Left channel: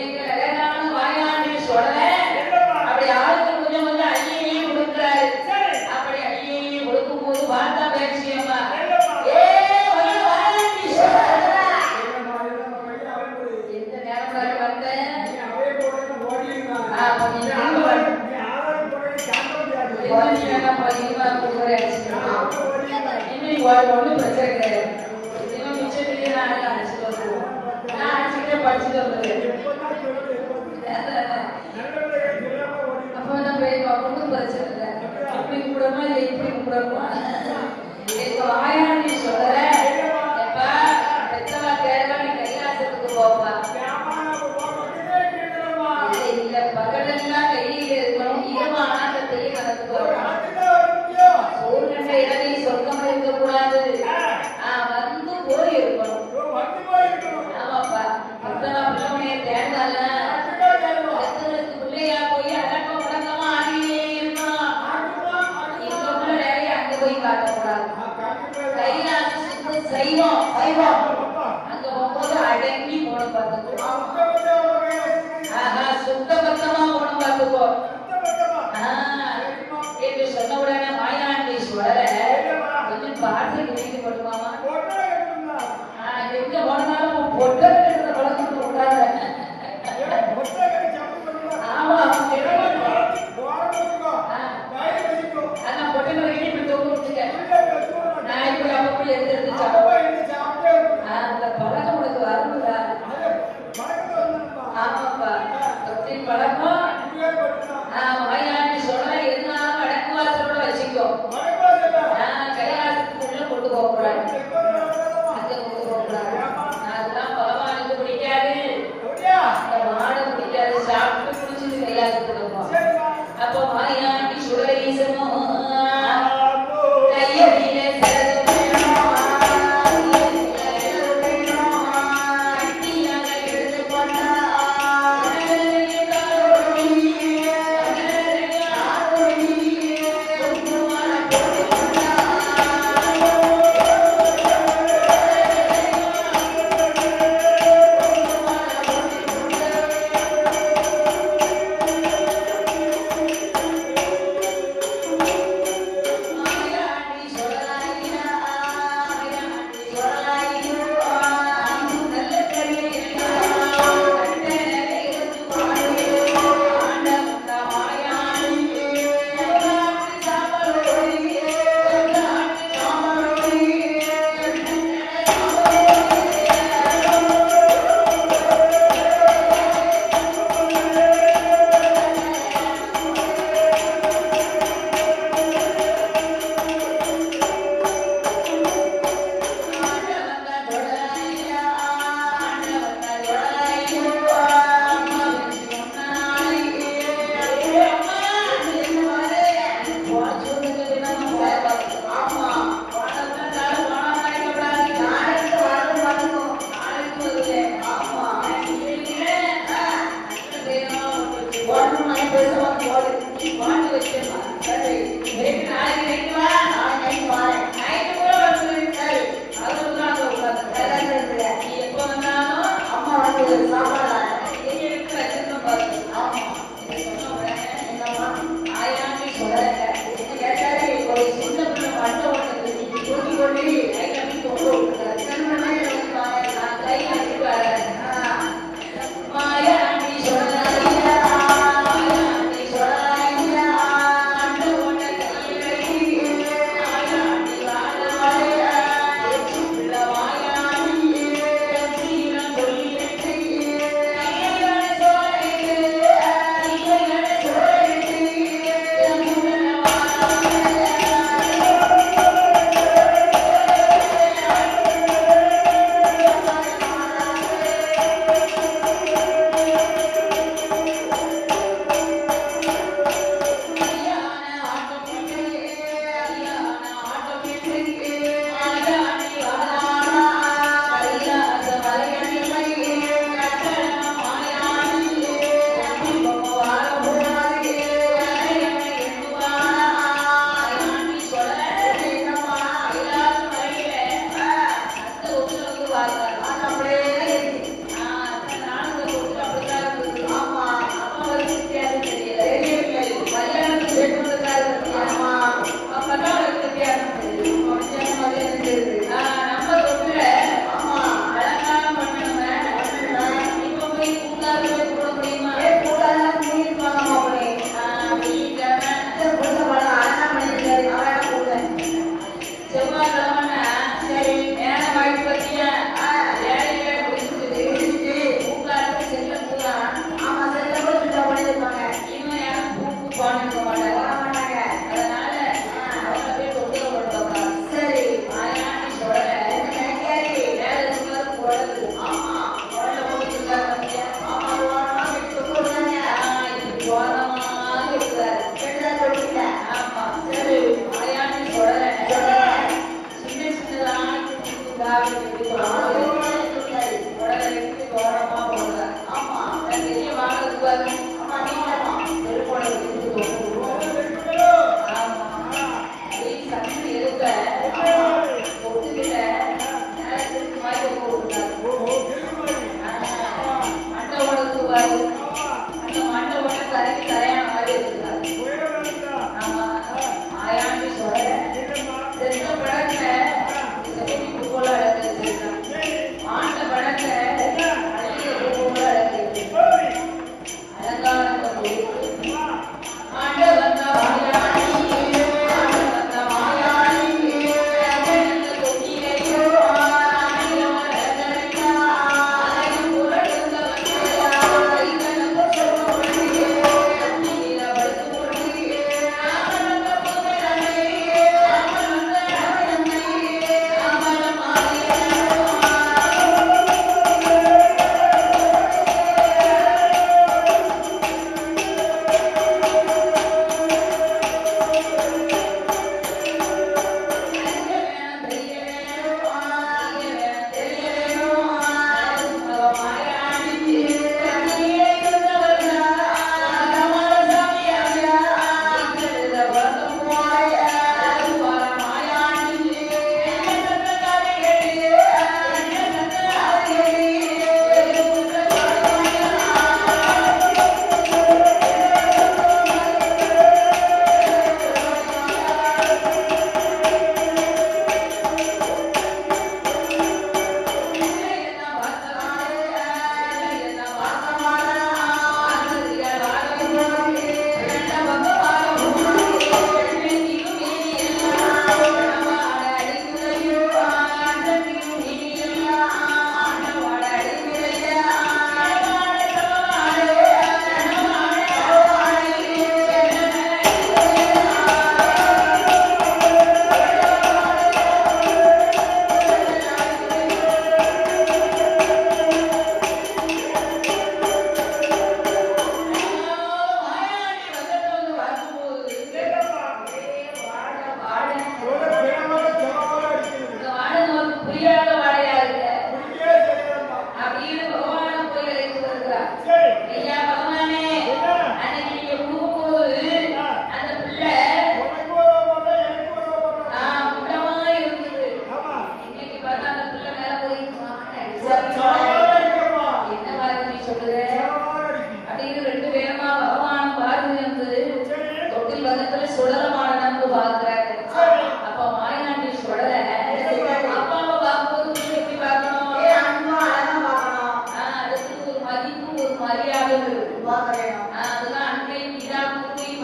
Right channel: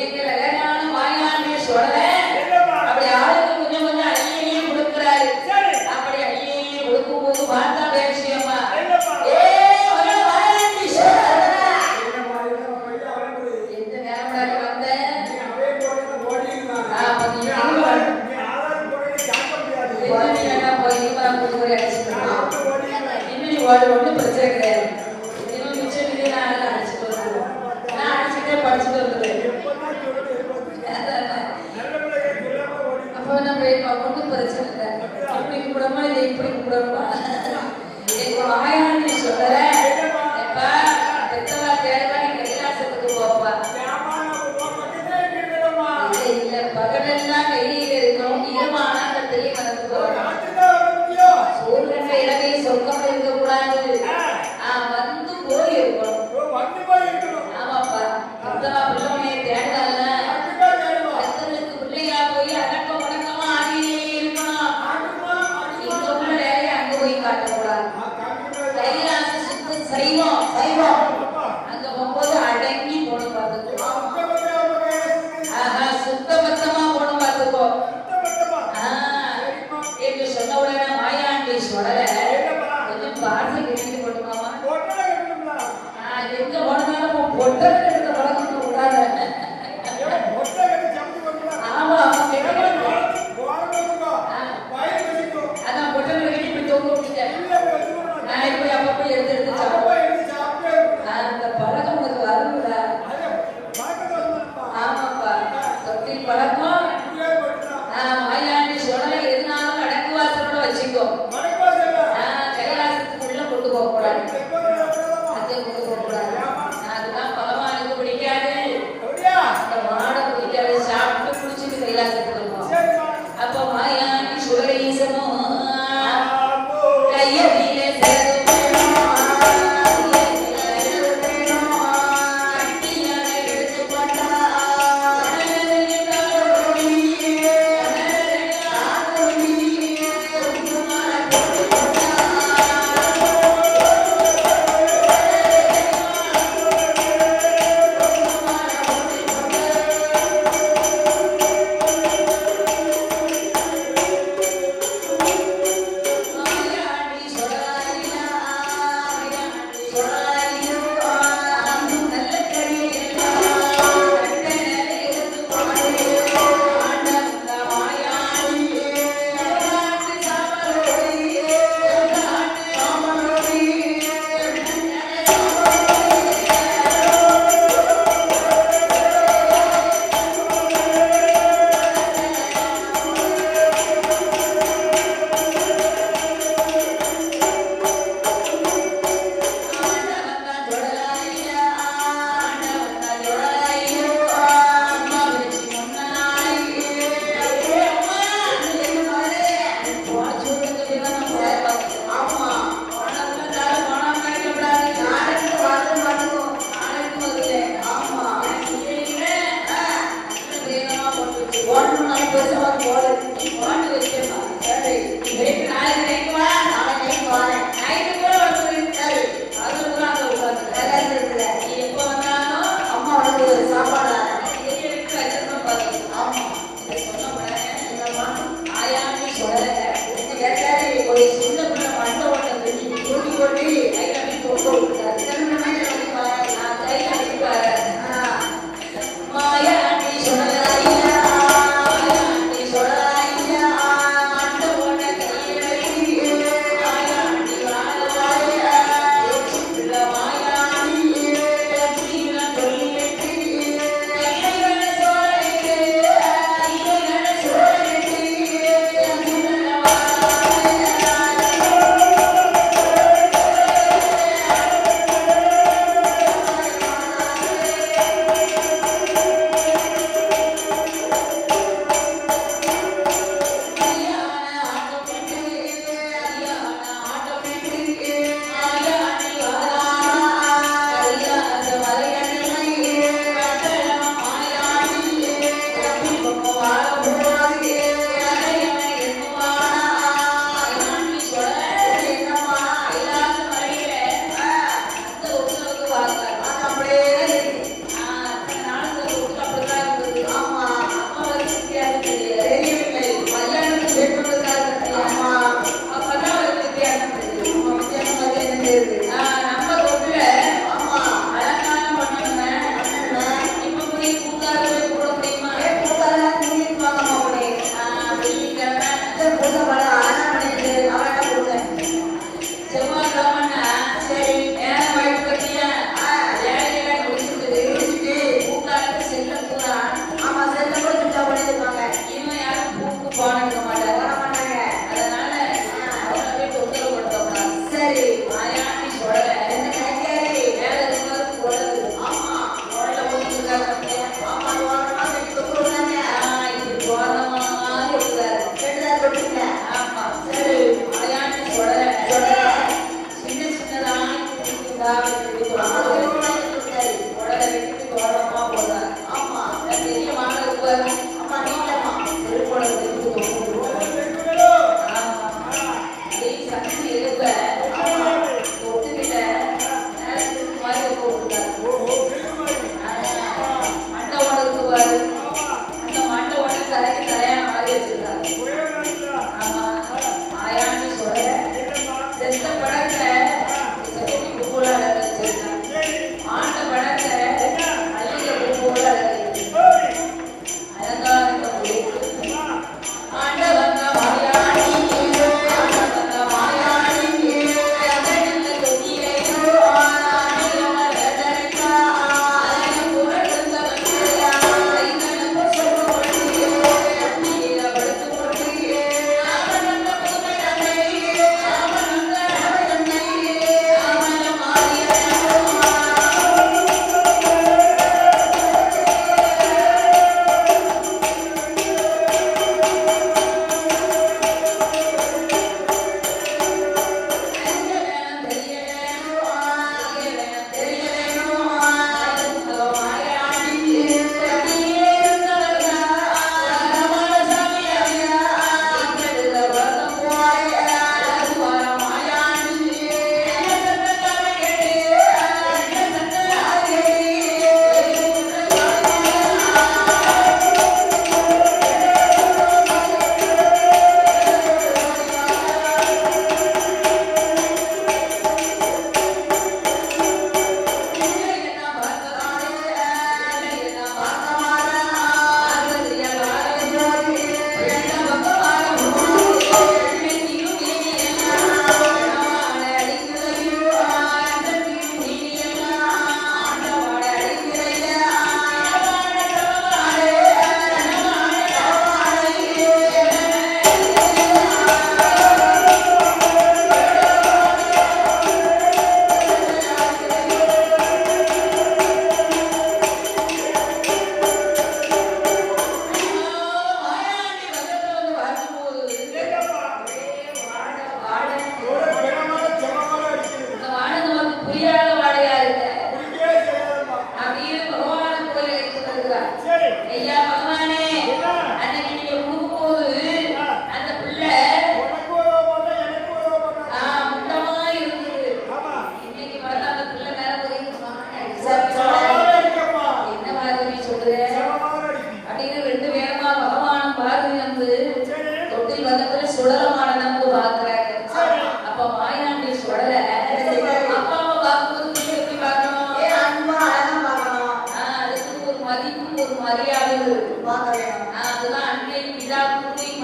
எங்களை வேணாலும் வாயாண்மை சொல்றேன்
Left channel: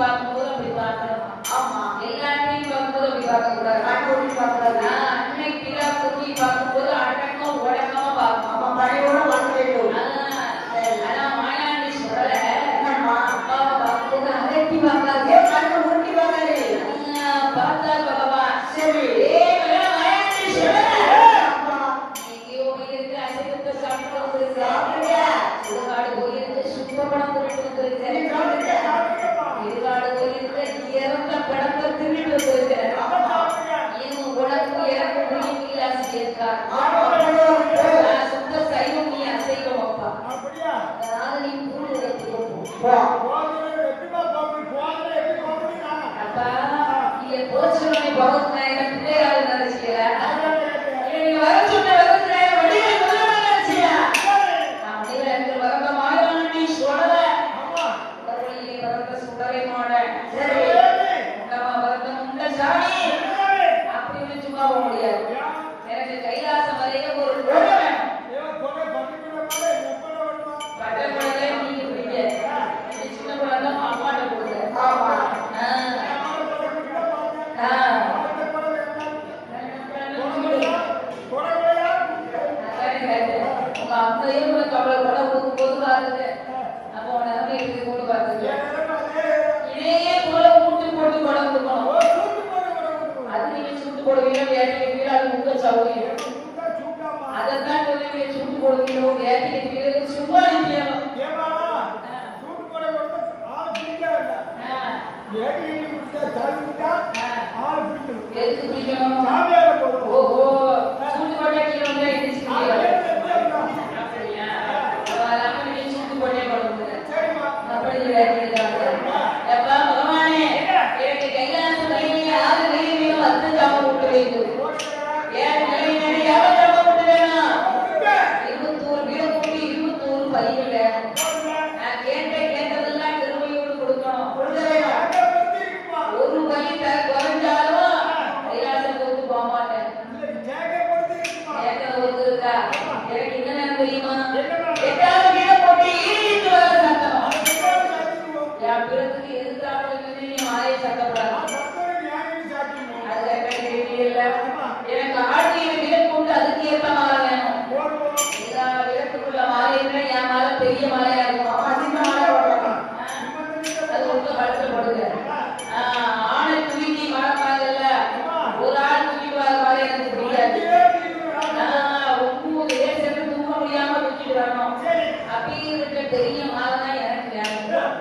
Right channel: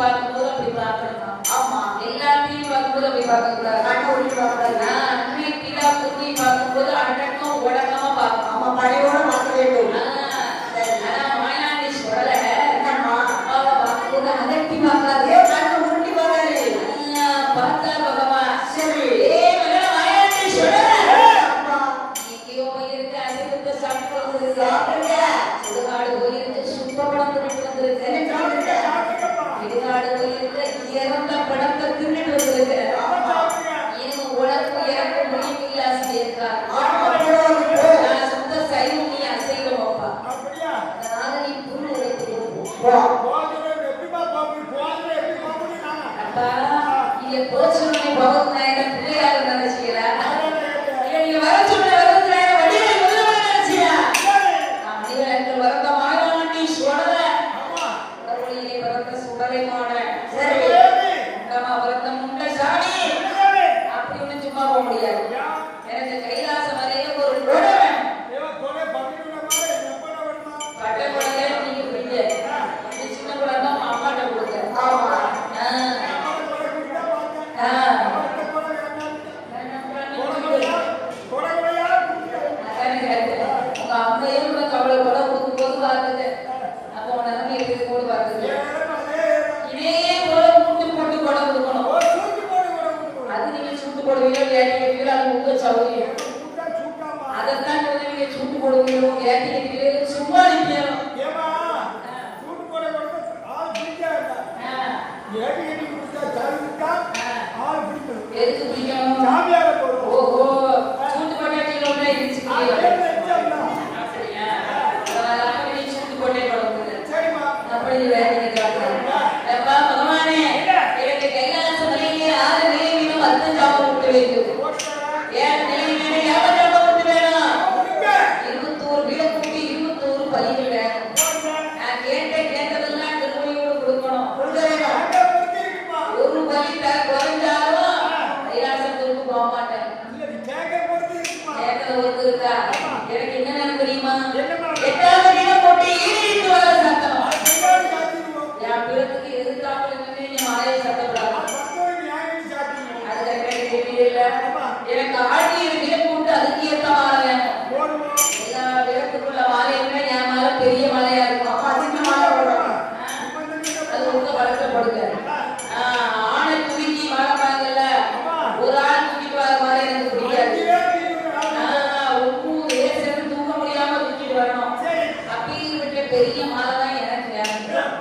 பார்க்கும்போது அப்படி பார்க்கணுமா? ஆமா, எல்லா டிவி பார்க்கும்போது அப்படி பார்க்க கூடாது. கண்ணூரி பார்க்கறது அன்னை கிடா குட்டி பார்க்கும்போது அடக்கம் உடக்கமா பார்க்கணும். ஆமா, பழையோட பார்க்க வேண்டும். மாயாண்டி சொல்ற அப்பாவை பார்க்கும்போது அதட்டி பார்க்காது, கண்ணு உருட்டி பார்க்காது. பார்த்தா பகவான் சரி மாயாண்டி சொல்ற எங்கேயோ இருக்கு அசைவத்தை சாப்பிட்டு வந்துருக்கு. சுடுகாடு போயிருக்கு சுப்பப்படம் திருட்டு வந்திருக்கு. இடுகாடு போயிருக்கு இறந்த படத்தை திருட்டு வந்திருக்கு. இன்னும் உடம்பு இறக்க முடியவில்லை ஆசிரியர். சுத்த சைவம் நீ அசைவம் அப்பா. அதனால நீ பூண்டு எடுத்துக்கோ. அப்பா இங்க போச்சுனை பகவத் நாயகன் பிள்ளையாரு நினைச்சிக்கிற நீ வர சொன்ன பகவத் நாயகன் வடிகளை முதல்ல நினைச்சியா? நான் வடிகளை வரந்த மாயவன் நீ சொல்ற கடவுளிலே பிறந்த சுடரை மாட சரி உண்டமா பிறந்த முண்ட சாமி அப்படின்னு சும்மா போக முடியாது. எனக்கு கைலாசம் வரையில ஒரு கொடை வேணும். பட்ட கொடையை நீங்க பிடிக்க சின்ன கொடை தான் அம்மாட்ட கொடுக்குறேன். எனக்கு ஆடி விலக்கு அதுக்கு ஏற்ற மாலை எல்லா விலக்குள்ள மாலையுமே என் மேல பெரிய மலையா இருக்கும். அது ரொம்ப கஷ்டப்படுங்க. ஆணை தூக்கி வளர்ப்பாங்கல்ல, ஒரு ஆள் தூக்கி வர மாதிரி எனக்கு பிடிக்காது. ஒவ்வொரு சேர்ந்து தூக்க முடியாம தூக்கிட்டு வரணும். அப்படி இருக்க பெரிய மாலை தான் எனக்கு வேணும்.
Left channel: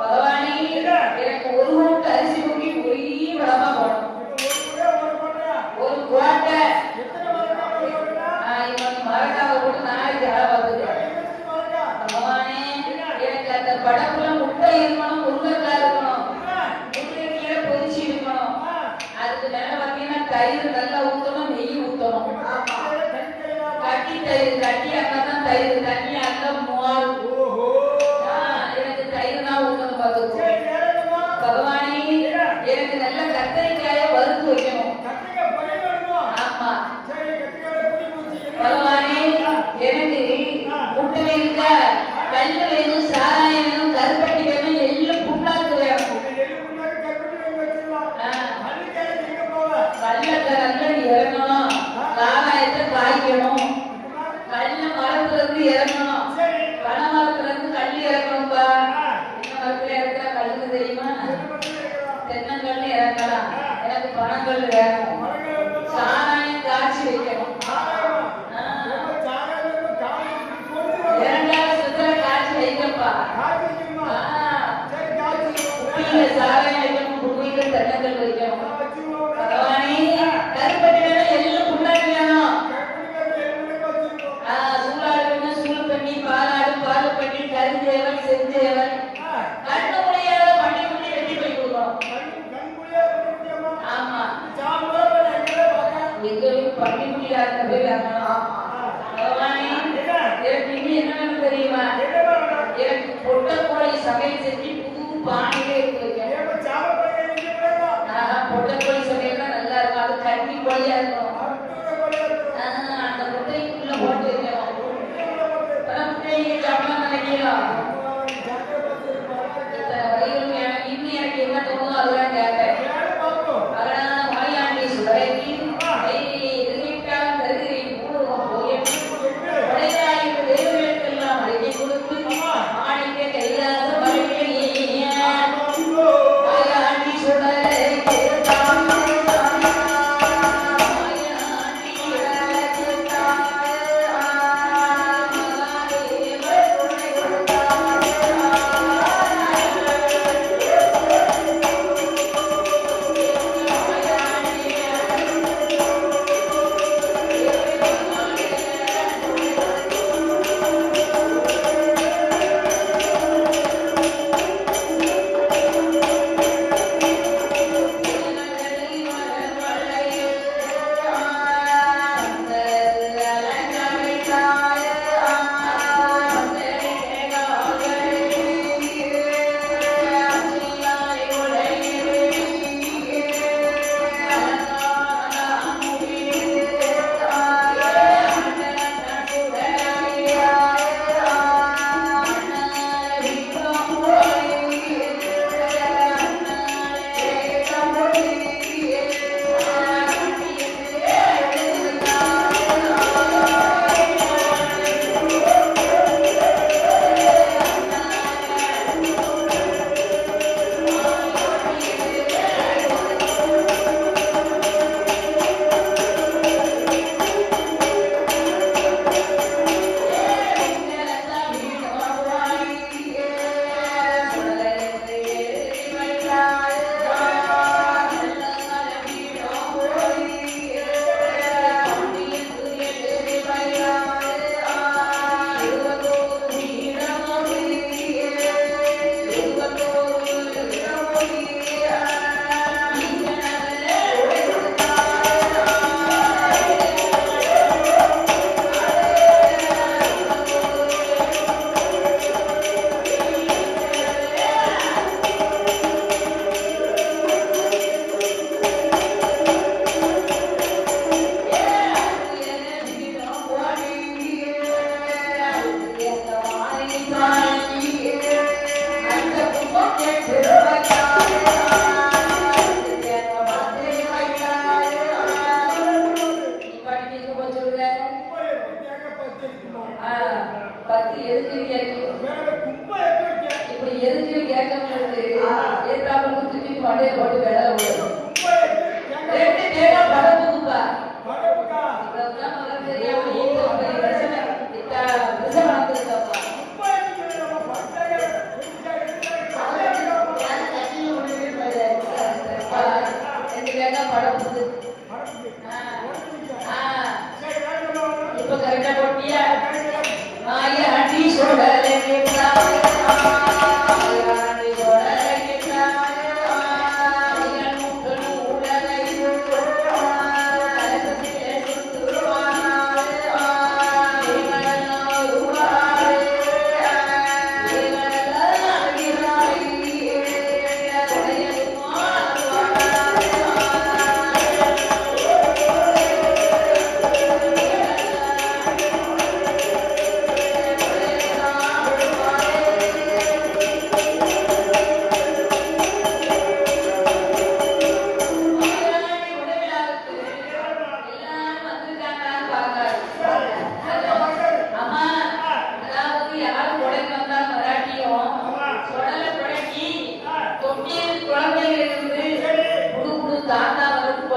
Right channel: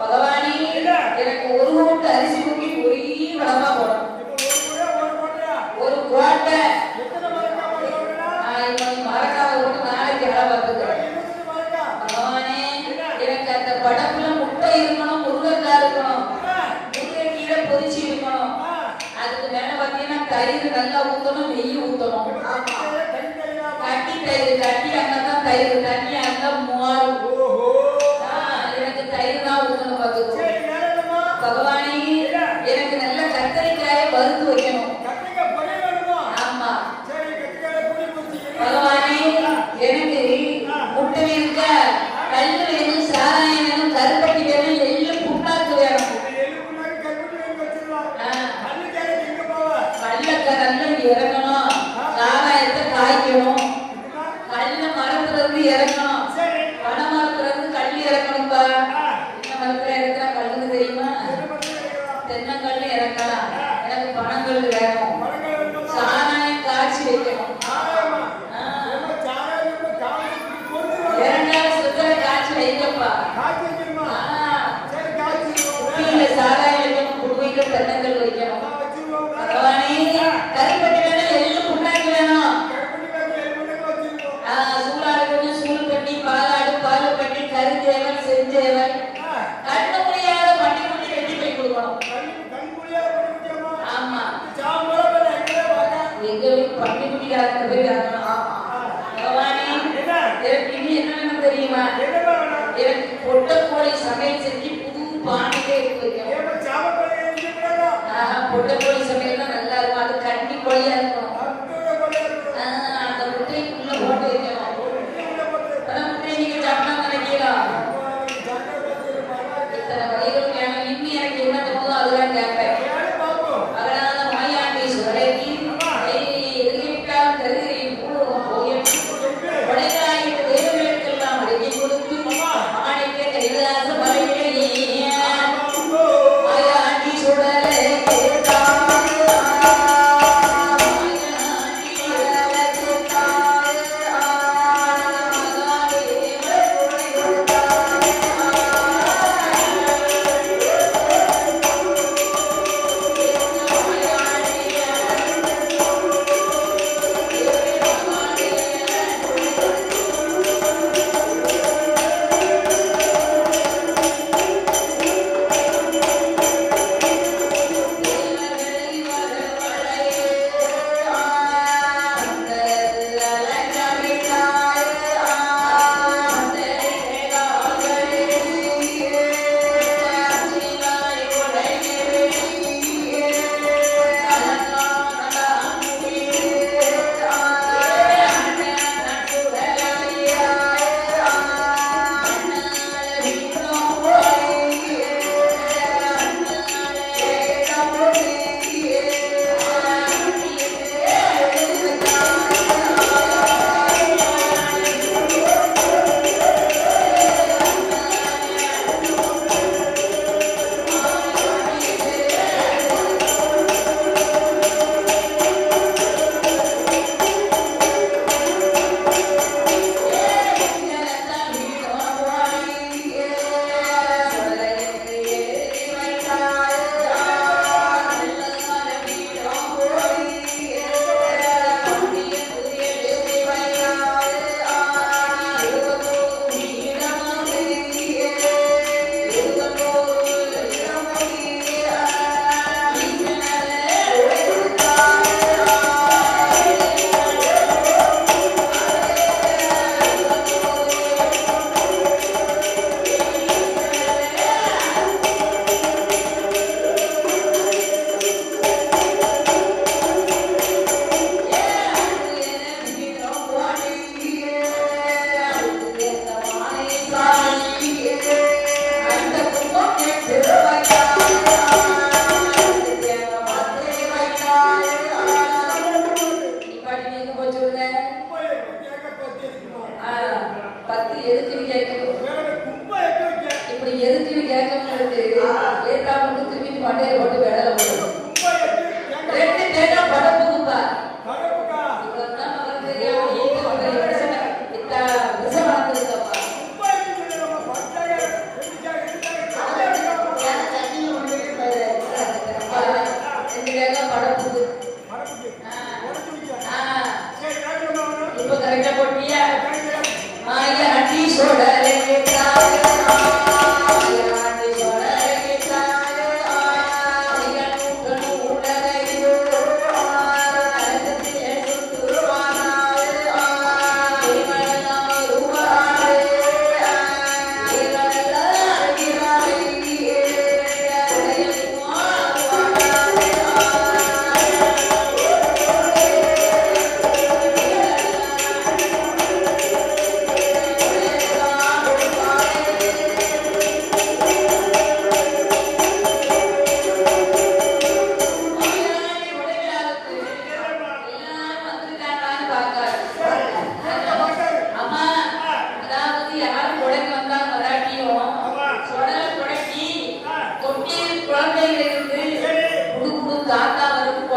பகவானி எனக்கு ஒரு மூட்டை அரிசி தூக்கி போய் வளமா போடணும். ஒரு குவாட்டை மரக்காவை விட்டு நாளைக்கு வேலை பார்த்துக்கிறேன். பகவானே எனக்கு அந்த படப்புல முட்டை இருக்கணும், முருங்கைக்காய் இருக்கணும், முருங்கை கீரை பொரிச்சு இருக்கணும். அதுக்கு மேல பார்த்தீங்கன்னா தயிர் நல்லா ஊற்றணும், நெய் ஊற்றணும். கட்டி தயிர் கட்டி அங்கதான் தயிர் தண்ணி அங்க மூவாறு எனக்கு தயிர் தான் ஊற்றணும் பார்த்துக்கோ. பகவானே எனக்கு நல்ல கத்தரிக்காயை வறுத்து வைக்கணும். பகவானே எனக்கு முட்டை இருக்க கல் வேணும், சாராயம் வேணும், கருப்பட்டி வேணும், எள்ளு புண்ணாக்கு வேணும். கல்லக்கடல்ல இறங்கணும், சாராயத்தை காய்க்கணும், கல்ல மரத்துல இருந்து இறங்கணும், பனை மரத்துல இருந்து கல் இறக்கணும்பா. என்ன மரத்துல இறக்குறா கல்லுக்கு தெரியுமா? தென்னங்கல்லு இறக்கலாம். எனக்கு பனங்கல் வேணும், சாராயம் காய்ச்சி வைக்கணும். சாராயம் வைக்கணும், குடுவைகள் தென்னங்கள் வைக்கணும். கருப்பட்டி வேணும், எள்ளு புண்ணாக்கு வேணும். சூளாடு வேணும், சூள் பண்ணி பாலாடு பால் பண்ணி கருஞ்சேவன் செஞ்சேவன் கண்ணு முடியாத பண்டிகுட்டி வெட்டி போய் கொடுக்கணும். ஆமா எங்களுக்கு பண்டிகுட்டியா இருக்க பகவானே எனக்கு இனி என்ன வேணும் தெரியுமா? எனக்கு பொட்டை கோழி சமையல் செஞ்சு புது பானையில எடுத்து வைக்கணும்.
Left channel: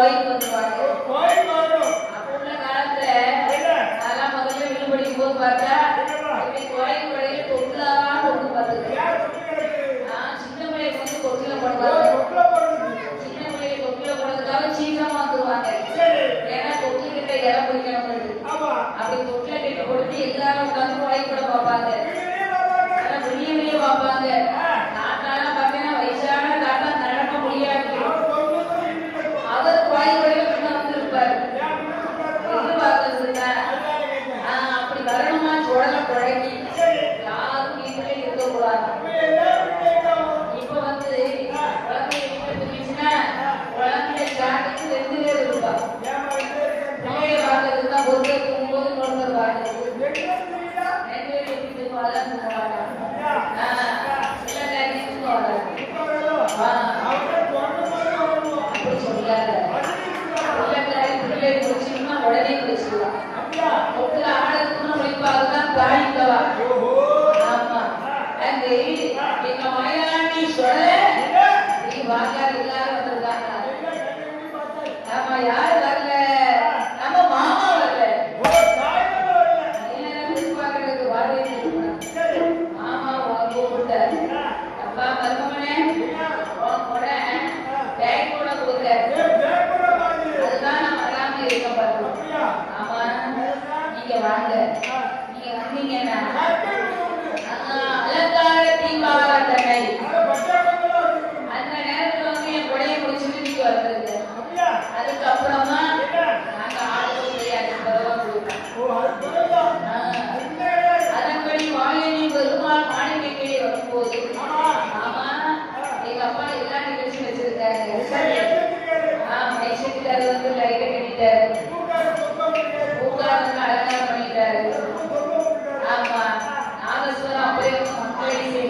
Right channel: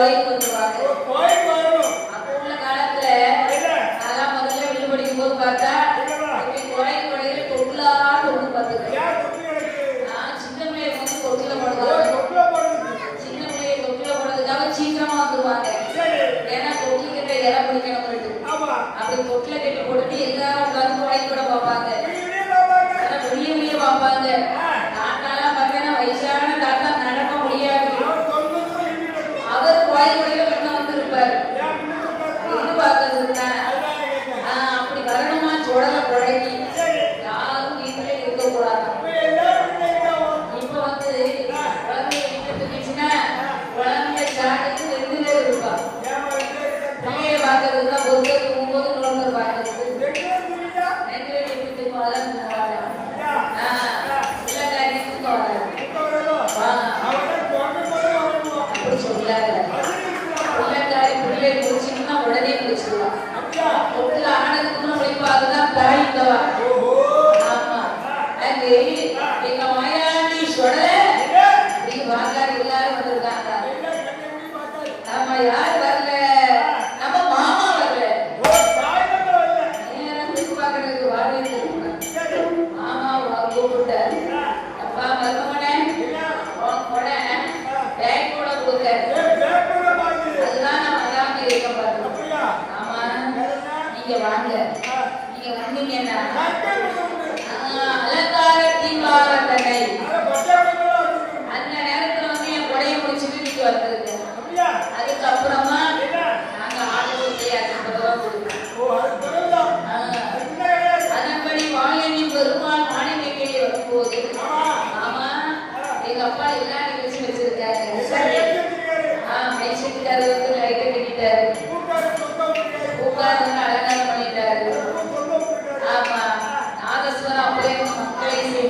கோயிலுக்கு வந்துருவாங்க. கோயிலுக்கு வரணும். அப்ப உள்ள காலத்துல அதெல்லாம் முதல்ல வீடு படிக்கும் போது பார்த்தா கோயில் கொடையில தொட்டிலான்னு ஒண்ணு பார்த்துருக்கேன். நான் சின்ன பிள்ளைய வந்து தொட்டில போடுவாங்க. சின்ன பிள்ளைய தொட்டில போடுறதுக்காக சீக்கிரமா வந்துருவாங்க. ஏன்னா தொட்டில கிட்ட இலை பிடிக்கணும். அப்படி தொட்டில கட்டி போட்டு எல்லாரும் உட்காந்து கோயில் கூட பார்ப்பாங்க. வெளியே பார்ப்பாங்க. தாத்தாலாம் பார்த்தீங்கன்னா வயசான தாத்தா நடக்க முடியாது. அவர் கோயில் கொடையில கொண்டு வந்திருப்பாரு. எதிர்பார்க்கறது அப்படி வரணுமா சுடலை புழங்கி யாரும் வீட்டிலே இருக்கக்கூடாது. இப்ப வந்து குழந்தைய வீட்டை பிரிச்சுன்னா குழந்தைய சாலைக்கு 2 பேர் இருப்பாங்க. பிள்ளைய பார்க்கறதுன்னா பொருளை தூங்கும்போது நோண்டுருவாங்க. 2 பேர் எப்படி தூங்குவாதான் தூங்குவாங்க. எல்லா காரியமும் தோணாது. அப்படி சொல்லாது. எல்லா காரியம் பிள்ளை முடிச்சுன்னா உடனே முடிச்சிடலாம். தொட்டில ஆனதுக்குன்னு உழைப்பாகதான் தாயிட்டவா. ஆமா அங்கே எங்க மயாண்டி சொல்ல நீ வாக்காரு எல்லாரும் வந்திருக்காங்க. ஆமா யாரு வரல? நம்ம மாமா வரல. எதிர்பார்க்கறதுக்கு வரவே மாமா கூப்பிட்டாரு. அப்பா மருமகனே கூட பேக் கூட கொடுத்தாரு. அதுதான் நான் வராம இருக்க பாருங்க. ஆமா நீங்க வாங்க. நீங்க வந்தீங்கன்னா அலங்கார தீபாரதனை அந்த நேரத்துல வந்து என் கொடையை முடிச்சுட்டு நீங்க வந்தது. அதுக்கப்புறமா நாங்க ஆளுக்கு முடியாது. அதன்படி வாயினி பெருமாள் மாணிக்கடியே வரும்போது ஆமா எங்க அப்பா எல்லா நிகழ்ச்சி வச்சிருக்காரு. மைசெட்டுக்காரு வந்து லைட்டை கட்டிட்டாரு. பூக்காரங்க அலங்காரம் பண்ணிட்டாரு. ஆமா நாகஸ்வரம் அப்படியே மக்களை செய்ய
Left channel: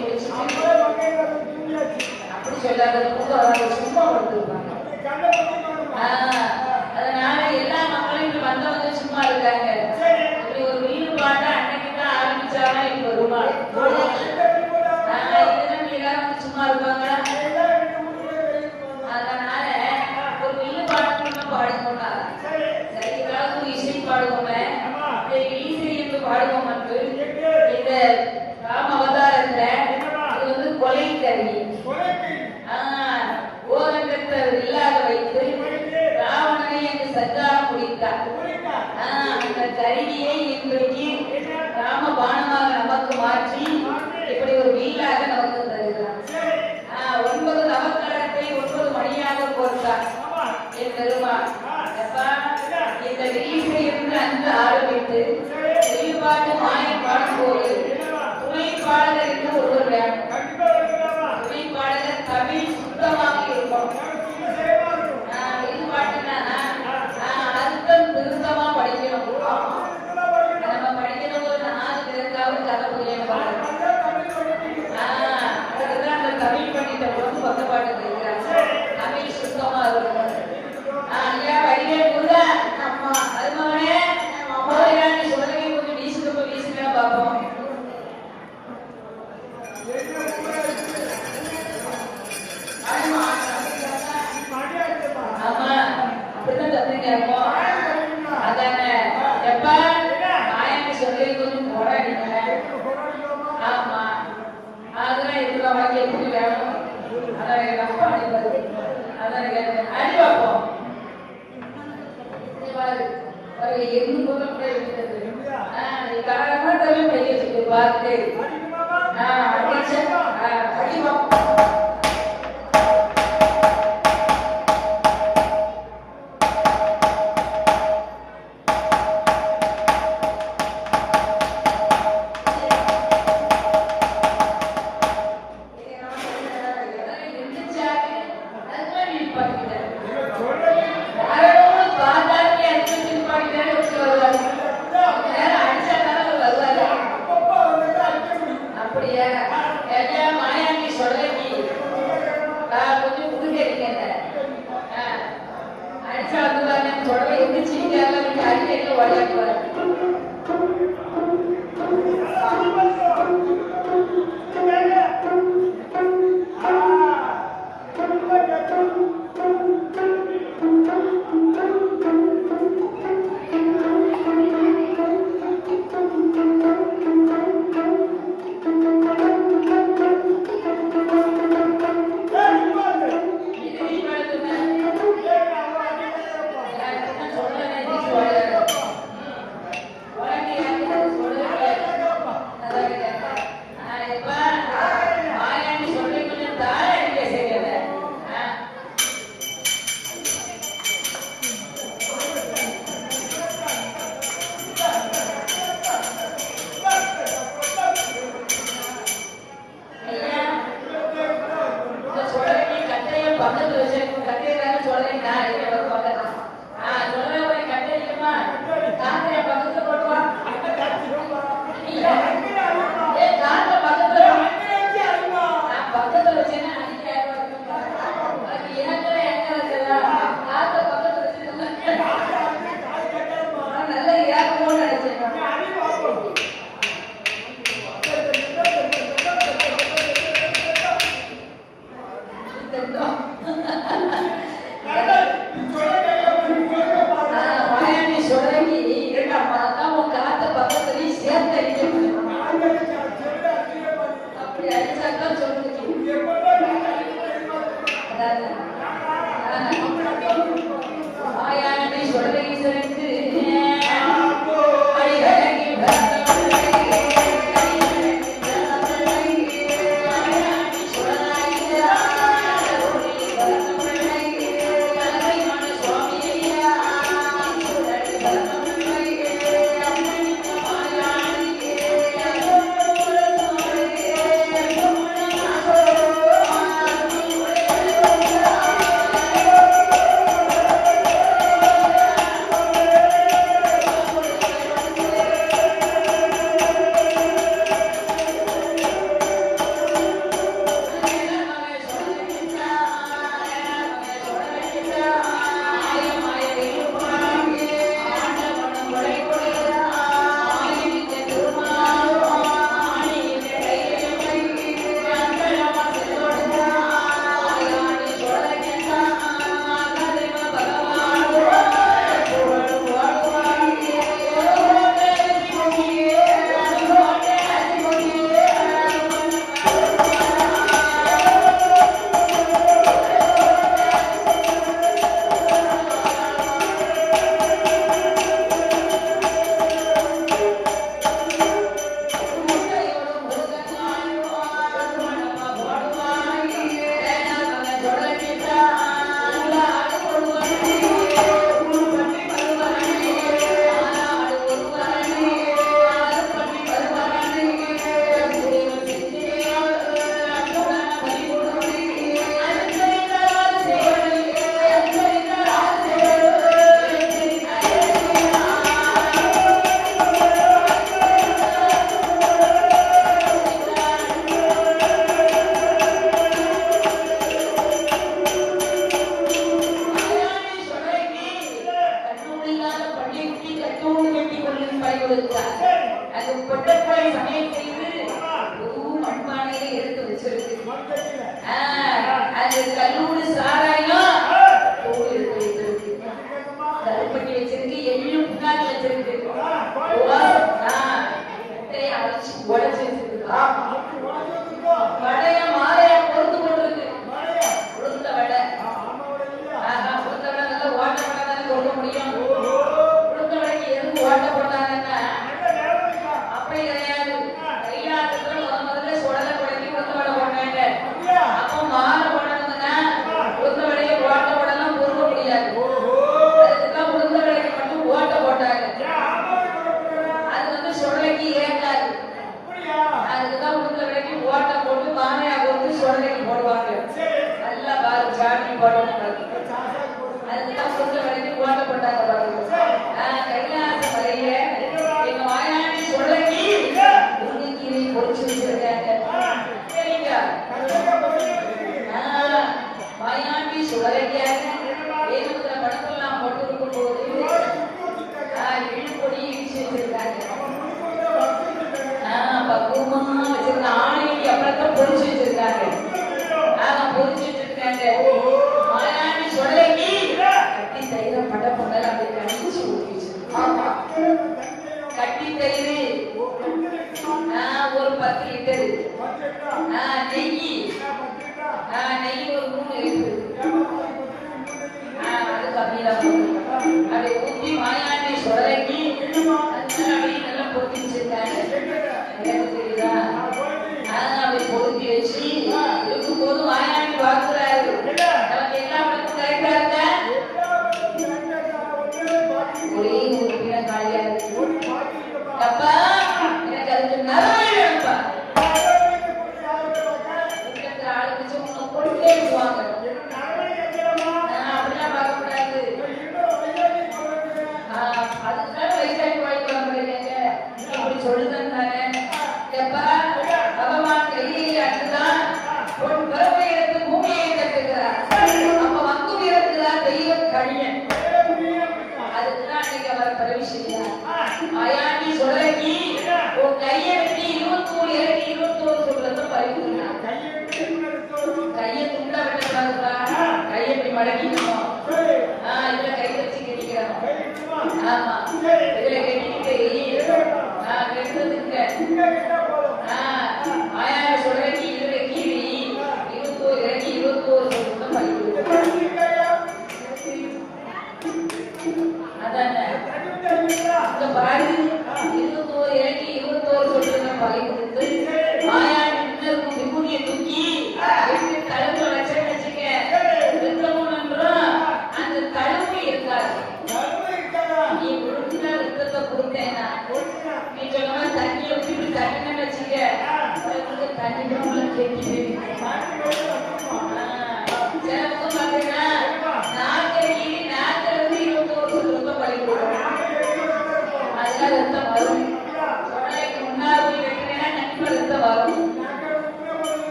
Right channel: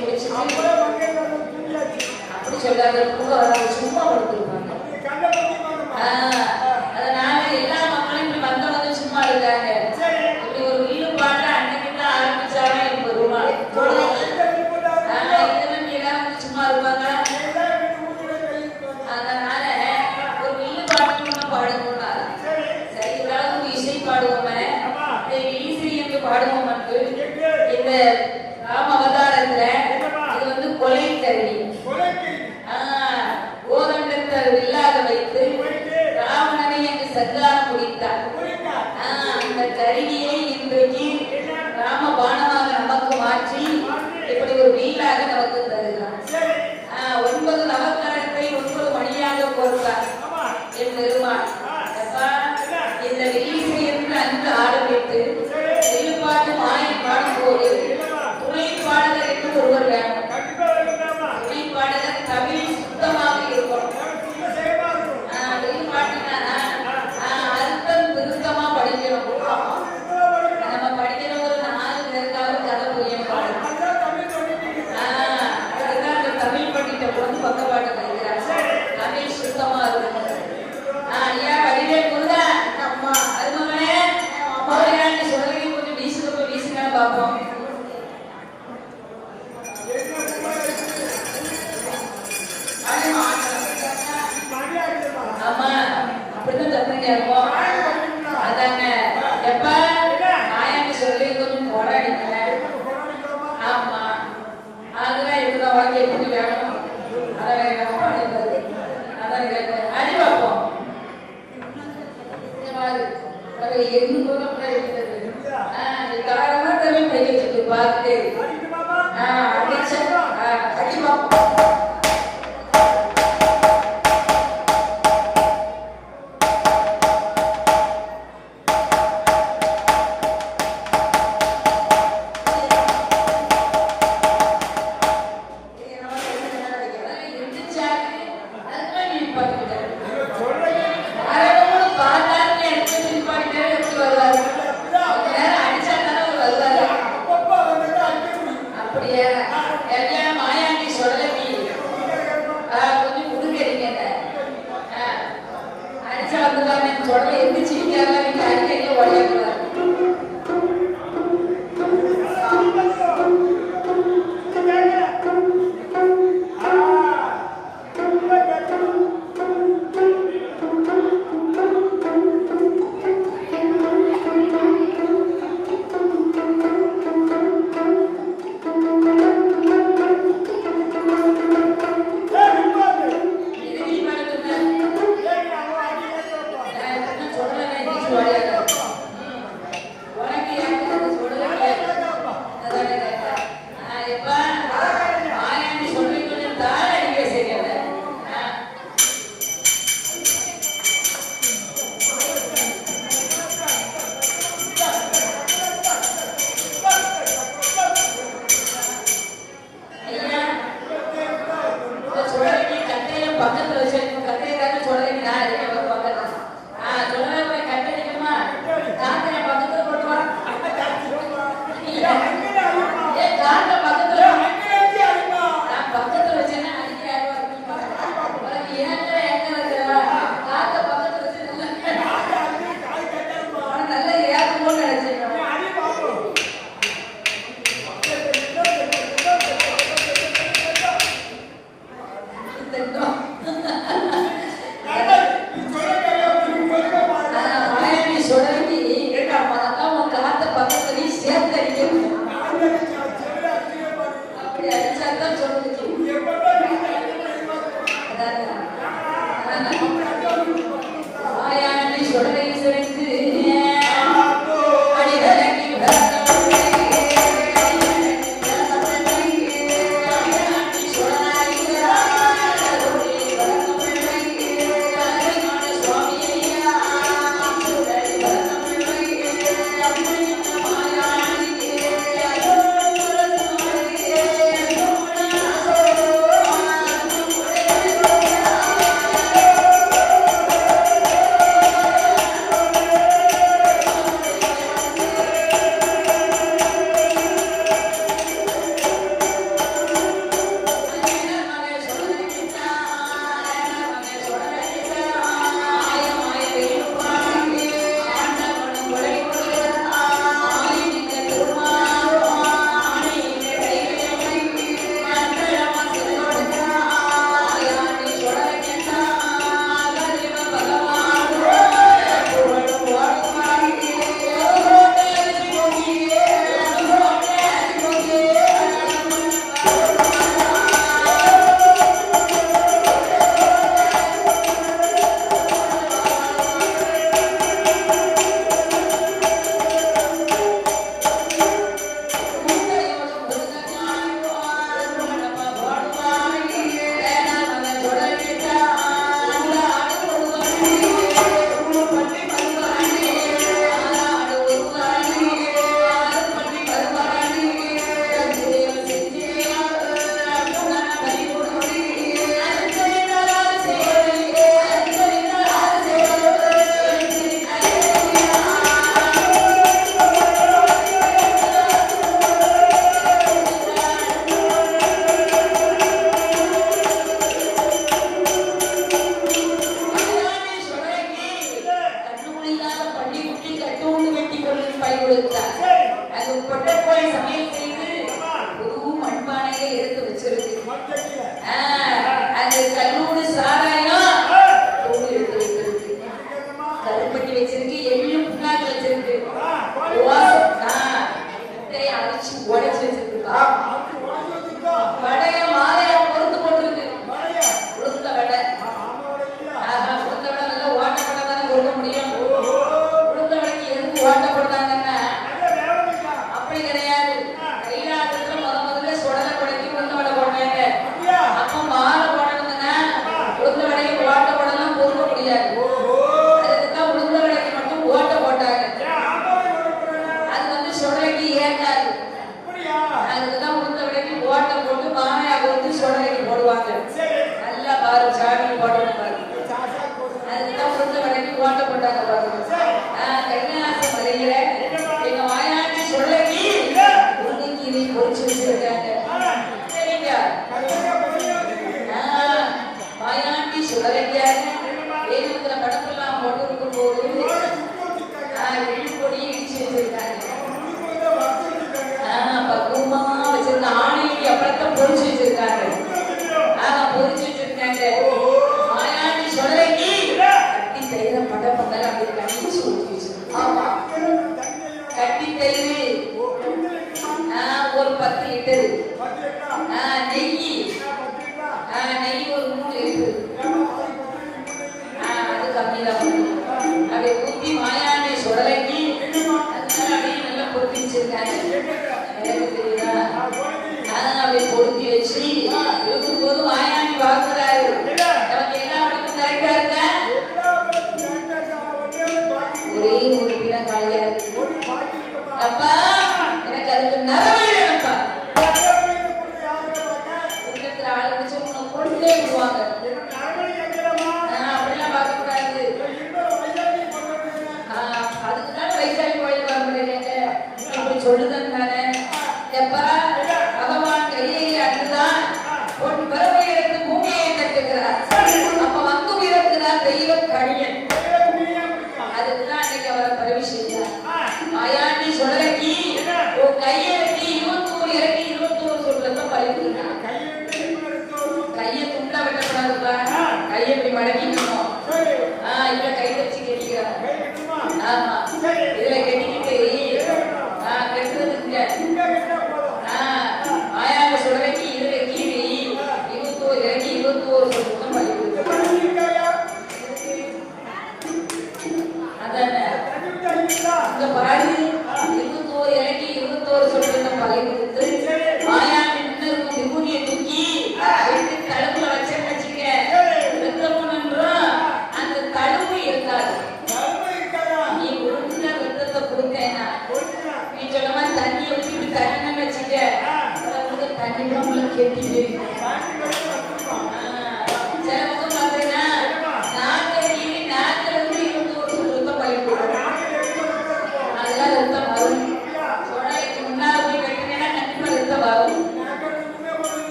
அப்படி சொல்லாத பூக்காரங்க சும்மா கொடுத்துருப்பாங்க. அதனால எல்லா மக்களும் வந்தவங்க சும்மா இருக்காங்க. இப்படி ஒரு ஈடுபாடு அன்னைக்கு தான் ஆரம்பிச்சாங்க. இப்ப பெருமாள் இதெல்லாம் எல்லாரும் சும்மா இருப்பாங்க. அதனால ஒரு ஈடுபாடு பாடுவோம்னா சரி அளவுக்கு இசை பாடுவோமே ஈஸி என்று பாடுவோம். இந்த ராம அவதாரத்துல இது வந்து கொலை கருவி. ஓரண்டத்தை இல்லாத வைத்து ராவணனை என்று சர்க்காரம் முடித்தார். அந்த கருவியை இன்றைக்கு ராம பானமாக நமக்கு மாற்றி இப்படி ஒரு வீடாக நமக்கு தருகிறார். 9 நவக்கரத்தை 9 மணியாக கோர்த்தார் என் பெருமாள். இந்த ஈசை என்று அந்த ஆரம்பித்து வெளிப்பாட்டு மாயை பாடும்போது துணை பாடகர் என்று ஒருவர் வேணும். துணை பாடகர் தமிழ் சுத்தமாக இருக்கும். வெளிப்பாட்டினா அர்த்தம் திருத்தமா படிக்கணும். நம்ம படிக்கிற ஒரு 4 பேருக்காவது கதை புரியும். அதுதான் அந்த தமிழ் பண்டிட்ட வந்து பக்கப்பாடு இருக்கிறார். தமிழ் சுத்தமா இருக்கும். ஐயா வடிவே குருதா அதுமாவே போயிடான்னு சொல்லி கொஞ்சம் வீசுறப்ப வீசினா பார்ப்போம். ஆமா அப்படிதான் தப்பிருக்கோம். அதானே எப்ப ஆயான்னு சொல்லி கொஞ்சம் போராடினேன். ஆமா அதெல்லாம் எடுத்து வாங்கி எப்படி வேணும் திட்டம். நீ சொல்ல கையா நீ சொல்ல பாரு. வாயாடி சுடலைக்கு அதான் உன் காத்த பக்கத்துலயும் சேர்த்து அடிக்கணும். நான் நினைச்சா செல்ல அடிக்கிற பாரு. அப்படி அடிச்சாதான் சொல்லுச்சு. எப்பதான் நீ அடிக்கிற வாயாடி சுடலை சிறந்து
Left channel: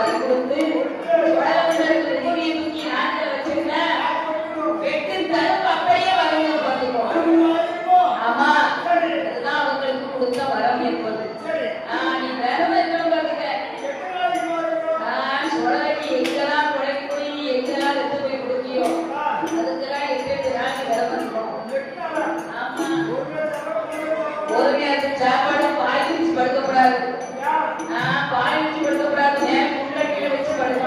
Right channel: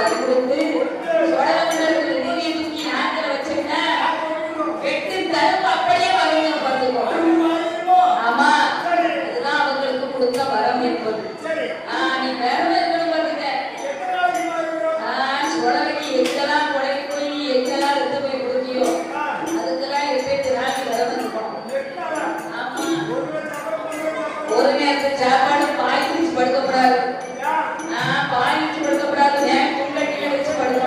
பறி கொடுத்து உடம்புல இருக்கிற நிதி தூக்கி நாட்டில் வச்சிருந்தா வெட்டு தரும் அப்படியே வரவங்க பார்த்துக்கோ. ஆமா, அதுதான் அவங்களுக்கு கொடுத்த வரம் என்பது. நீ விரதம் இருக்கணும் பாத்துக்க. சுடலைக்கு எங்கெல்லாம் கொடைக்கு போய் எங்கெல்லாம் எடுத்து போய் கொடுக்கியோ அதுக்கெல்லாம் 8 நாள் விரதம் இருக்கணும். ஆமா, ஒரு நேரத்து சாப்பாடு பாய் விரிச்சு படுக்கக்கூடாது. பாய் விரிச்சு படுக்கக்கூடாது, குண்டட்டில வச்சு படுக்க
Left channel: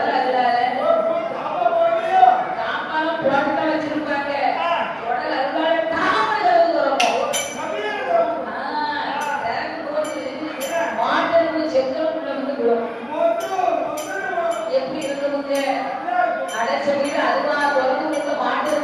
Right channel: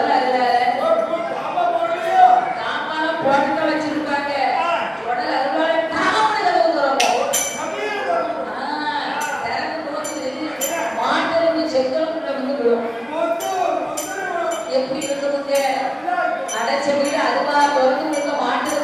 உடல் அதுல தாபா போடுறியோ? சாமான் போட்டு வச்சிருப்பாங்க உடல் அதுல தாமரை ஊதுறோம் தமிழ்ல வரும். திறந்து போது மாட்டை செங்கலுக்குள்ள விழுந்துடும் மொத்தம் எப்படி விழுந்துருங்க அடைச்சபடி அதுவா பிறந்து மாட்டு